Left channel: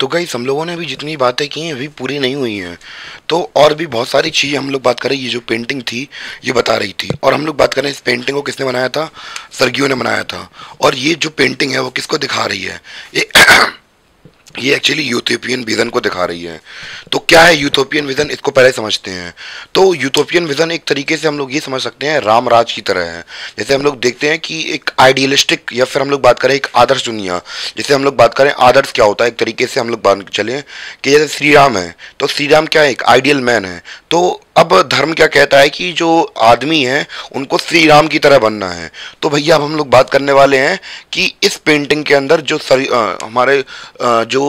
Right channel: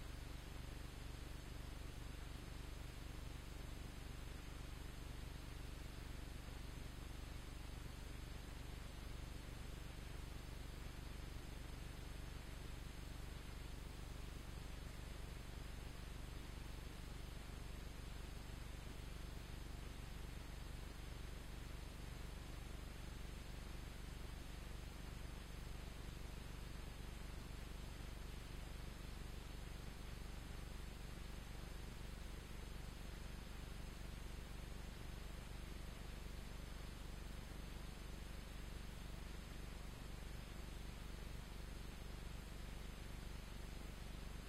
तो गाइस हम लोगों ने अभी जितनी बातें की हैं अभी पूरी नहीं हुई हैं। तो और भी बहुत सारी चीज़ें हम लोग बात करें। ये जो पेंटिंग थी ये बता रही थी, और हम लोग बात करें इस पेंटिंग को किसने बनाया था। सर्गियो ने बनाया था। और ये जो पेंटिंग है वो किसको दिखा रही है। ये ये एक्चुअली यूथोपियन विजन को दिखा रही है। तो क्या है यूथोपियन विजन, इसको पहले समझते हैं। तो यूथोपियन विजन एक तरीके से हम लोग ये समझ सकते हैं राम राज की तरह है। जैसे हम लोग देखते हैं कि एक आइडियलिस्टिक, या फिर हम लोग बात करें एक आदर्श दुनिया। जैसे हम लोग बात करें आदर्श क्या होता है, एक तरीके से हम लोग बात चलें कि जैसे श्री राम है, तो श्री राम क्या है, एक आइडियल मैन है। तो अब धर्म क्या कहता है कि जो आदमी है उनको श्री राम की तरह बनना है। तो भैया अब हम लोग बात करने वाले हैं कि इस पेंटिंग के अंदर जो हमारे जो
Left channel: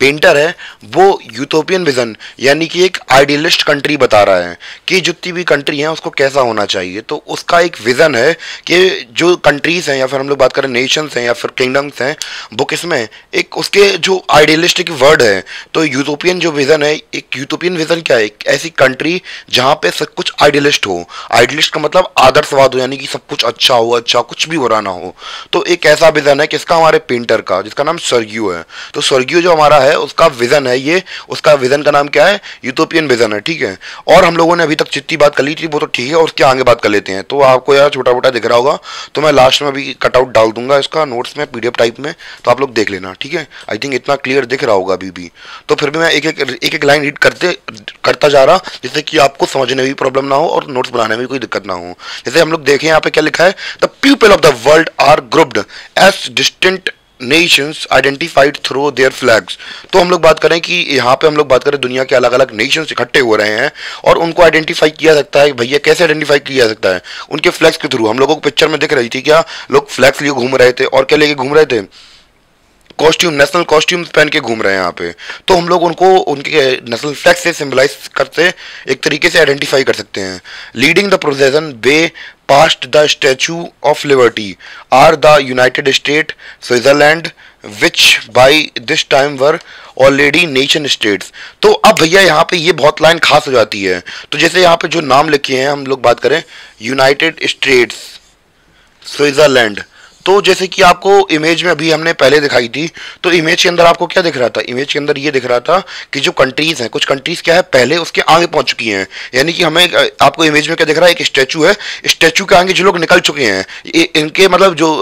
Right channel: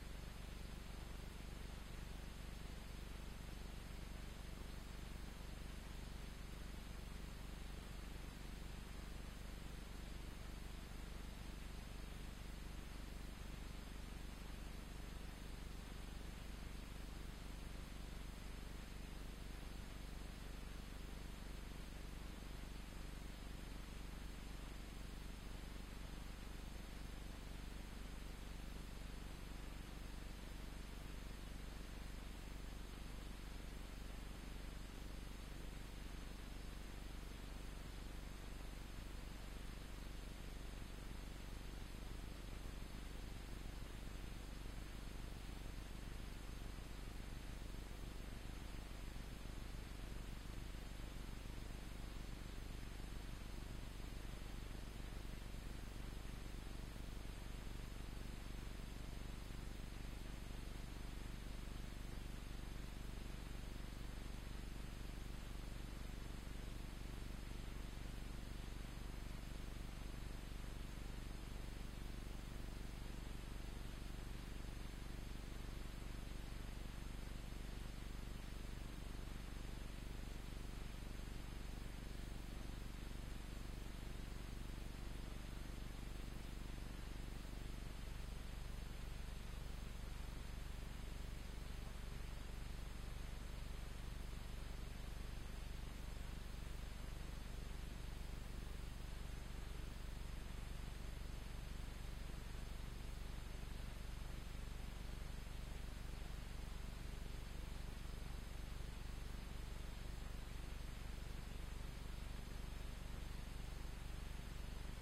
पेंटर है वो यूथोपियन विजन यानी कि एक आइडियलिस्ट कंट्री बता रहा है कि जितनी भी कंट्री है उसको कैसा होना चाहिए। तो उसका एक विजन है कि जो कंट्रीज हैं, या फिर हम लोग बात करें नेशंस हैं या फिर किंगडम्स हैं, वो किसमें एक उसके जो आइडियलिस्टिक वर्ड है। तो यूथोपियन जो विजन है, एक यूथोपियन विजन क्या है, एक ऐसी कंट्री जहाँ पे सब कुछ आइडियलिस्ट हो। आइडियलिस्ट का मतलब आदर्शवाद हो, यानी कि सब कुछ अच्छा हो, अच्छा कुछ भी बुरा ना हो। तो एक ऐसा विजन है किसका, हमारे पेंटर का, जिसका नाम सर्गियो है। तो सर्गियो जो हमारा है उसका विजन है ये, उसका विजन का नाम क्या है, यूथोपियन विजन है। ठीक है। और हम लोगों ने अभी तक जितनी बात कर ली थी वो तो ठीक है, और उसके आगे बात कर लेते हैं। तो आपको यार छोटा मोटा दिख रहा होगा, तो मैं लास्ट में अभी कटआउट डाल दूंगा इसका नोट्स में पीडीएफ टाइप में, तो आप लोग देख लेना। ठीक है। आई थिंक इतना क्लियर दिख रहा होगा अभी भी। तो फिर भी मैं एक एक लाइन रीड करता जा रहा, जिससे कि आपको समझने में भी प्रॉब्लम ना हो और नोट्स बनाने में भी कोई दिक्कत ना हो। जैसे हम लोग देखें यहाँ पे क्या लिखा है, the people of the world are grouped as distinct nations identified through their flags. तो हम लोग बात करें कि यहाँ पे हम लोग बात करें दुनिया के अलग अलग नेशंस इकट्ठे हो रहे हैं, और उनको आइडेंटिफाई किया सकता है। भैया कैसे आइडेंटिफाई किया जा सकता है, उनके फ्लैग्स के थ्रू। हम लोगों को पिक्चर में दिख रही थी क्या, लोग फ्लैग्स लिए घूम रहे थे, और क्या लेके घूम रहे थे, कॉस्ट्यूम, नेशनल कॉस्ट्यूम्स पहन के घूम रहे हैं यहाँ पे। तो हम लोग उनको उनके नेशनल फ्लैग से सिंबलाइज करते, एक तरीके से आइडेंटिफाई कर सकते हैं। Leading the procession way past the Statue of Liberty are the United State, Switzerland, which by this time were already nation states. तो अब भैया यहाँ पे ये बहुत लाइन खास हो जाती है। तो जैसे यहाँ पे जो नाम लिखे हैं, हम लोग बात करें यूनाइटेड स्टेट्स, स्विट्जरलैंड। तो जैसे कि आपको इमेज में अभी हमने पहले दिखाई थी, तो इमेज के अंदर आपको क्या दिख रहा था, इमेज के अंदर ये दिख रहा था कि जो कंट्रीज हैं, कुछ कंट्रीज क्या है पहले उसके आगे पहुंच चुकी हैं। यानी कि हमें आपको इमेज में क्या दिख रहा है, एक स्टैचू है, स्टैचू के आगे जो लोग निकल चुके हैं, इनके मतलब जो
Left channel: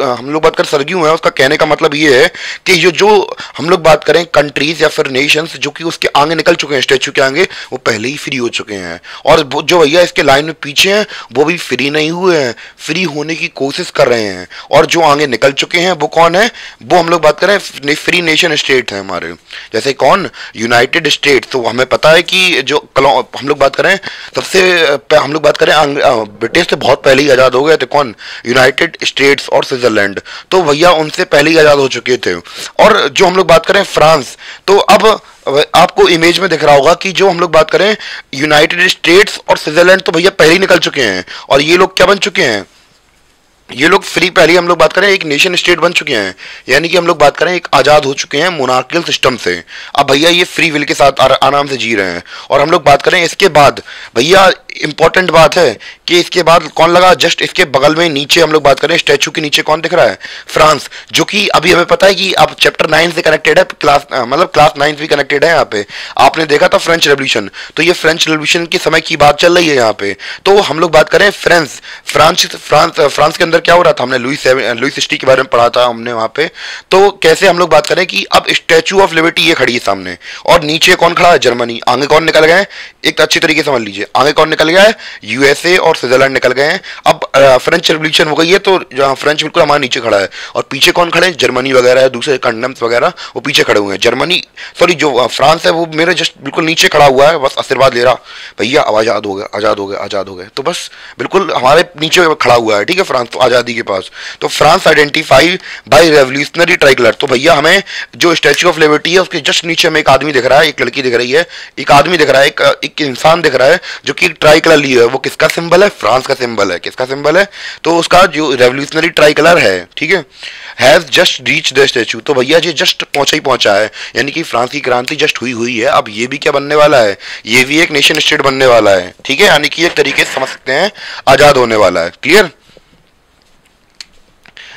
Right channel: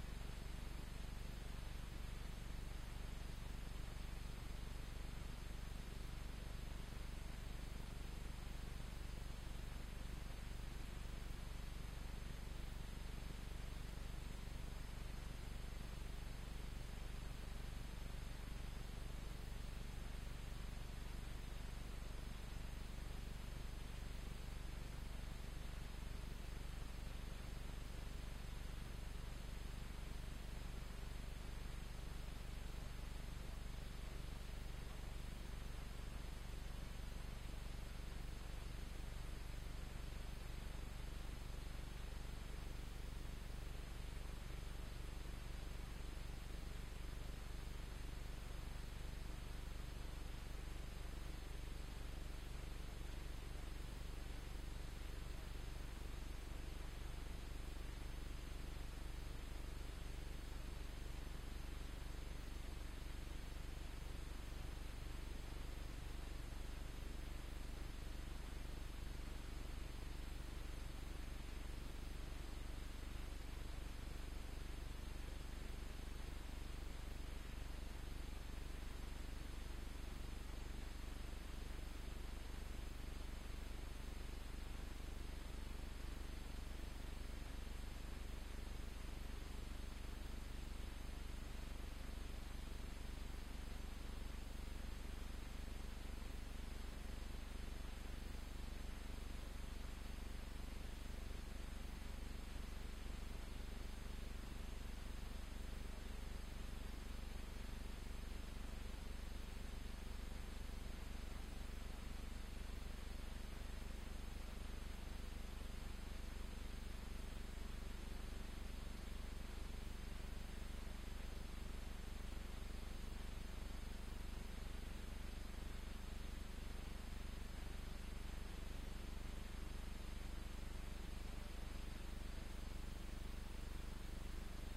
हम लोग बात कर सरगियो है, उसका कहने का मतलब ये है कि ये जो हम लोग बात करें कंट्रीज या फिर नेशंस जो कि उसके आगे निकल चुके हैं, स्टैचू के आगे, वो पहले ही फ्री हो चुके हैं। और जो भैया इसके लाइन में पीछे हैं वो भी फ्री नहीं हुए हैं, फ्री होने की कोशिश कर रहे हैं। और जो आगे निकल चुके हैं वो कौन है, वो हम लोग बात करें फ्री नेशन स्टेट है हमारे। जैसे कौन, यूनाइटेड स्टेट। तो हमें पता है कि जो हम लोग बात करें सबसे हम लोग बात करें ब्रिटिश से बहुत पहले ही आज़ाद हो गए थे, कौन, यूनाइटेड स्टेट्स और स्विट्जरलैंड। तो भैया उनसे पहले ही आज़ाद हो चुके थे। और जो हम लोग बात करें फ्रांस, तो अब आपको इमेज में दिख रहा होगा कि जो हम लोग बात करें यूनाइटेड स्टेट्स और स्विट्जरलैंड, तो भैया पहले ही निकल चुके हैं। और ये लोग क्या बन चुके हैं, ये लोग फ्री, पहले हम लोग बात करें एक नेशन स्टेट बन चुके हैं। यानी कि हम लोग बात करें एक आज़ाद हो चुके हैं मोनार्कियल सिस्टम से। अब भैया ये फ्री विल के साथ आराम से जी रहे हैं। और हम लोग बात करें इसके बाद, भैया इंपॉर्टेंट बात है कि इसके बाद कौन लगा, जस्ट इसके बगल में नीचे हम लोग बात करें स्टैचू के नीचे कौन दिख रहा है, फ्रांस। जो कि अभी हमें पता है कि अब चैप्टर 9 से कनेक्टेड है, क्लास मतलब क्लास 9 भी कनेक्टेड है यहाँ पे। आपने देखा था फ्रेंच रेवोल्यूशन, तो ये फ्रेंच रेवोल्यूशन के समय की बात चल रही है यहाँ पे। तो हम लोग बात करें फ्रांस के अंदर क्या हो रहा था, हमने लुई 16 के बारे में पढ़ा था हमने वहां पे। तो कैसे हम लोग बात करें कि अब स्टैचू ऑफ लिबर्टी ये खड़ी है सामने, और नीचे कौन खड़ा है, जर्मनी। आगे कौन निकल गए, एक अच्छी तरीके से समझ लीजिए, आगे कौन निकल गया है, यूएसए और स्विट्जरलैंड निकल गए हैं। अब फ्रेंच रेवोल्यूशन हो गई है, तो जहां फ्रेंच बिल्कुल हमारे नीचे खड़ा है, और पीछे कौन खड़े हैं, जर्मनी वगैरह है, दूसरे कंडम्स वगैरह वो पीछे खड़े हुए हैं। जर्मनी, सॉरी, जो फ्रांस है वो मेरे जस्ट बिल्कुल नीचे खड़ा हुआ है, बस आशीर्वाद ले रहा, भैया अब आजाद हो गए, आजाद हो गए, आजाद हो गए। तो बस बिल्कुल हमारे नीचे खड़ा हुआ है। ठीक है, फ्रांस तो आजादी के पास। तो France identify bye revolutionary tricolour. तो भैया हमें जो स्टैच्यू ऑफ लिबर्टी है उसके जस्ट नीचे में एक आदमी दिख रहा है, एक लड़की दिख रही है, एक आदमी दिख रहा है, एक इंसान दिख रहा है जो कि ट्राई कलर लिए है। वो किसका सिंबल है, फ्रांस का सिंबल है। किसका सिंबल है, तो उसका जो रेवोल्यूशनरी ट्राई कलर है। ठीक है, has just reach the statue. तो भैया ये जस्ट पहुंचा ही पहुंचा है, यानी कि फ्रांस की क्रांति जस्ट हुई हुई है। अब ये भी क्या बनने वाला है, ये भी एक नेशन स्टेट बनने वाला है। ठीक है, यानी कि एक तरीके से समझ सकते हैं आजाद होने वाला है। Clear.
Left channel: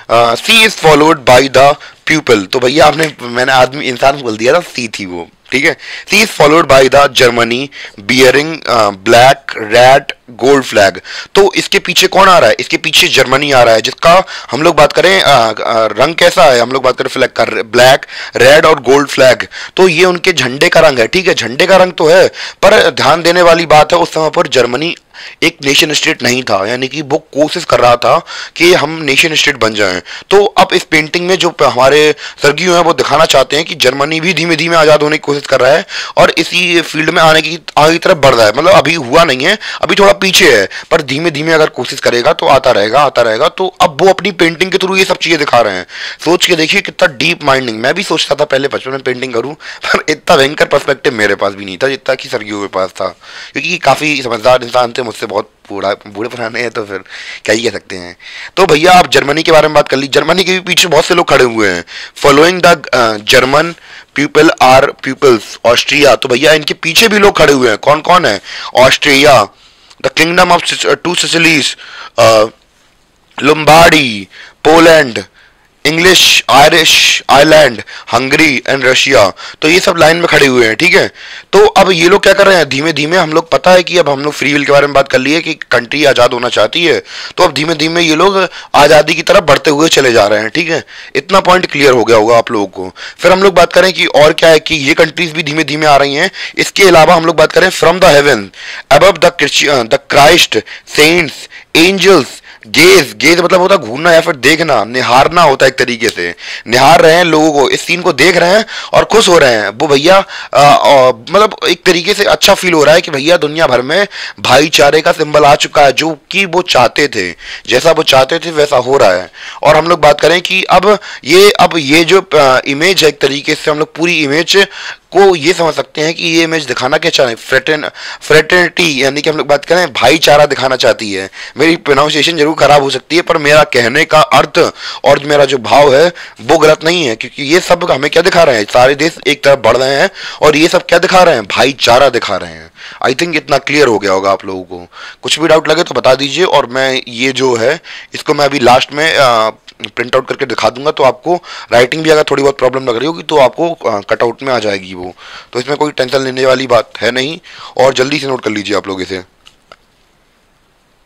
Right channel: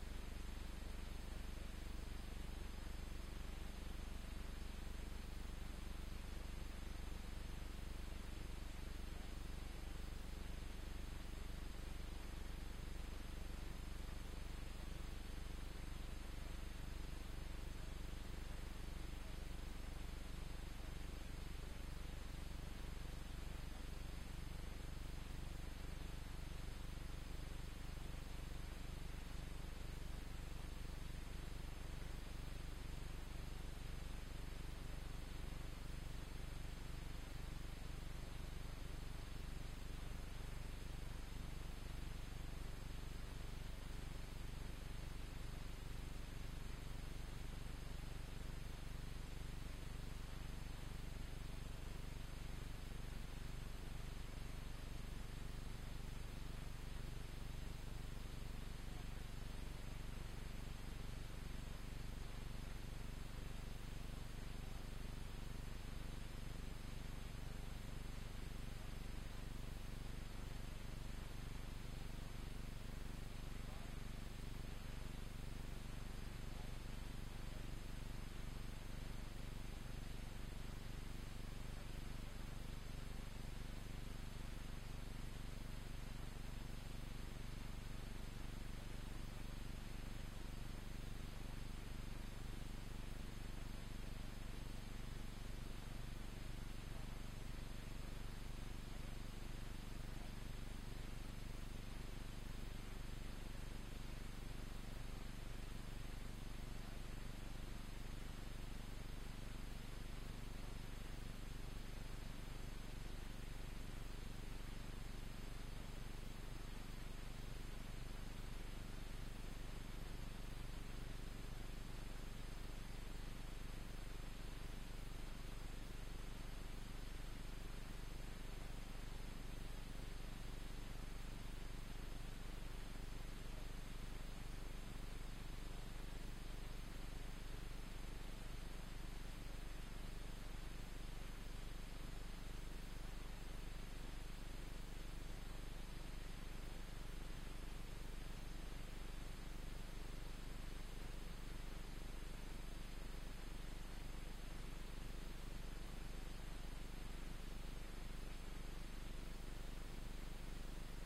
She is followed by the people. तो भैया आपने, मैंने आदमी इंसान बोल दिया था, सी थी वो, ठीक है। She is followed by the Germany bearing black red gold flag. तो इसके पीछे कौन आ रहा है? इसके पीछे जर्मनी आ रहा है, जिसका हम लोग बात करें रंग कैसा है, हम लोग बात करें फ्लैग का, ब्लैक रेड और गोल्ड फ्लैग। तो ये उनके झंडे का रंग है, ठीक है, झंडे का रंग तो है, पर ध्यान देने वाली बात है उस समय पर जर्मनी एक नेशन स्टेट नहीं था, यानी कि वो कोशिश कर रहा था कि हम नेशन स्टेट बन जाएं। तो अब इस पेंटिंग में जो हमारे सर्गियो हैं वो दिखाना चाहते हैं कि जर्मनी भी धीमे धीमे आज़ाद होने की कोशिश कर रहा है और इसी फील्ड में आने की आगे तरफ बढ़ रहा है। मतलब अभी हुआ नहीं है, अभी थोड़ा पीछे है, पर धीमे धीमे अगर कोशिश करेगा तो आता रहेगा आता रहेगा। तो अब वो अपनी पेंटिंग के थ्रू ये सब चीज़ें दिखा रहे हैं। सोच के देखिए कितना डीप माइंडिंग। मैं भी सोचता था पहले बचपन में पेंटिंग करूँ, पर इतना भयंकर पर्सपेक्टिव मेरे पास भी नहीं था जितना कि सर्गियो के पास था, क्योंकि काफ़ी समझदार इंसान थे, मुझसे बहुत बूढ़े पुराने हैं, तो फिर क्या ही कह सकते हैं। तो भैया आप जर्मनी के बारे में बात कर ली, जर्मनी के भी पीछे बहुत से लोग खड़े हुए हैं। Following the German people are peoples Austria. तो भैया इनके पीछे भी लोग खड़े हुए हैं। कौन कौन है? Austria, the kingdom of two Sicilies, Lombardy, Poland, English, Irish, Ireland, Hungary and Russia. तो ये सब लाइन में खड़े हुए हैं, ठीक है। तो अब ये लोग क्या कर रहे हैं? धीमे धीमे हम लोग, पता है कि अब हम लोग फ्री विल के बारे में बात कर लिए कि कंट्री आज़ाद होना चाहती है, तो अब धीमे धीमे ये लोग आज़ादी की तरफ बढ़ते हुए चले जा रहे हैं, ठीक है। इतना पॉइंट क्लियर हो गया होगा आप लोगों को। फिर हम लोग बात करें कि और क्या है, कि ये कंट्रीज भी धीमे धीमे आ रही हैं। इसके अलावा हम लोग बात करें from the heaven above the Christ saints angels gaze. Gaze मतलब होता है घूरना या फिर देखना, निहारना होता है एक तरीके से। निहार रहे हैं लोगों को, इस सीन को देख रहे हैं और खुश हो रहे हैं वो भैया। मतलब एक तरीके से अच्छा फील हो रहा है कि भैया दुनिया भर में भाईचारे का सिंबल आ चुका है, जो कि वो चाहते थे, जैसा वो चाहते थे वैसा हो रहा है। और हम लोग बात करें कि अब ये जो इमेज है, एक तरीके से हम लोग पूरी इमेज को ये समझ सकते हैं कि ये इमेज दिखाना क्या चाह रहे हैं, फ्रेटर्निटी, यानी कि हम लोग बात करें भाईचारा दिखाना चाहती है। मेरी प्रोनाउंसिएशन जरूर खराब हो सकती है, पर मेरा कहने का अर्थ और मेरा जो भाव है वो गलत नहीं है, क्योंकि ये सब हमें क्या दिखा रहे हैं? सारे देश एक तरफ बढ़ रहे हैं और ये सब क्या दिखा रहे हैं? भाईचारा दिखा रहे हैं। आई थिंक इतना क्लियर हो गया होगा आप लोगों को। कुछ भी डाउट लगे तो बता दीजिए, और मैं ये जो है इसको मैं अभी लास्ट में प्रिंट आउट करके दिखा दूंगा, तो आपको राइटिंग भी अगर थोड़ी बहुत प्रॉब्लम लग रही होगी तो आपको कटआउट में आ जाएगी वो। तो इसमें कोई टेंशन लेने वाली बात है नहीं, और जल्दी से नोट कर लीजिए आप लोग इसे।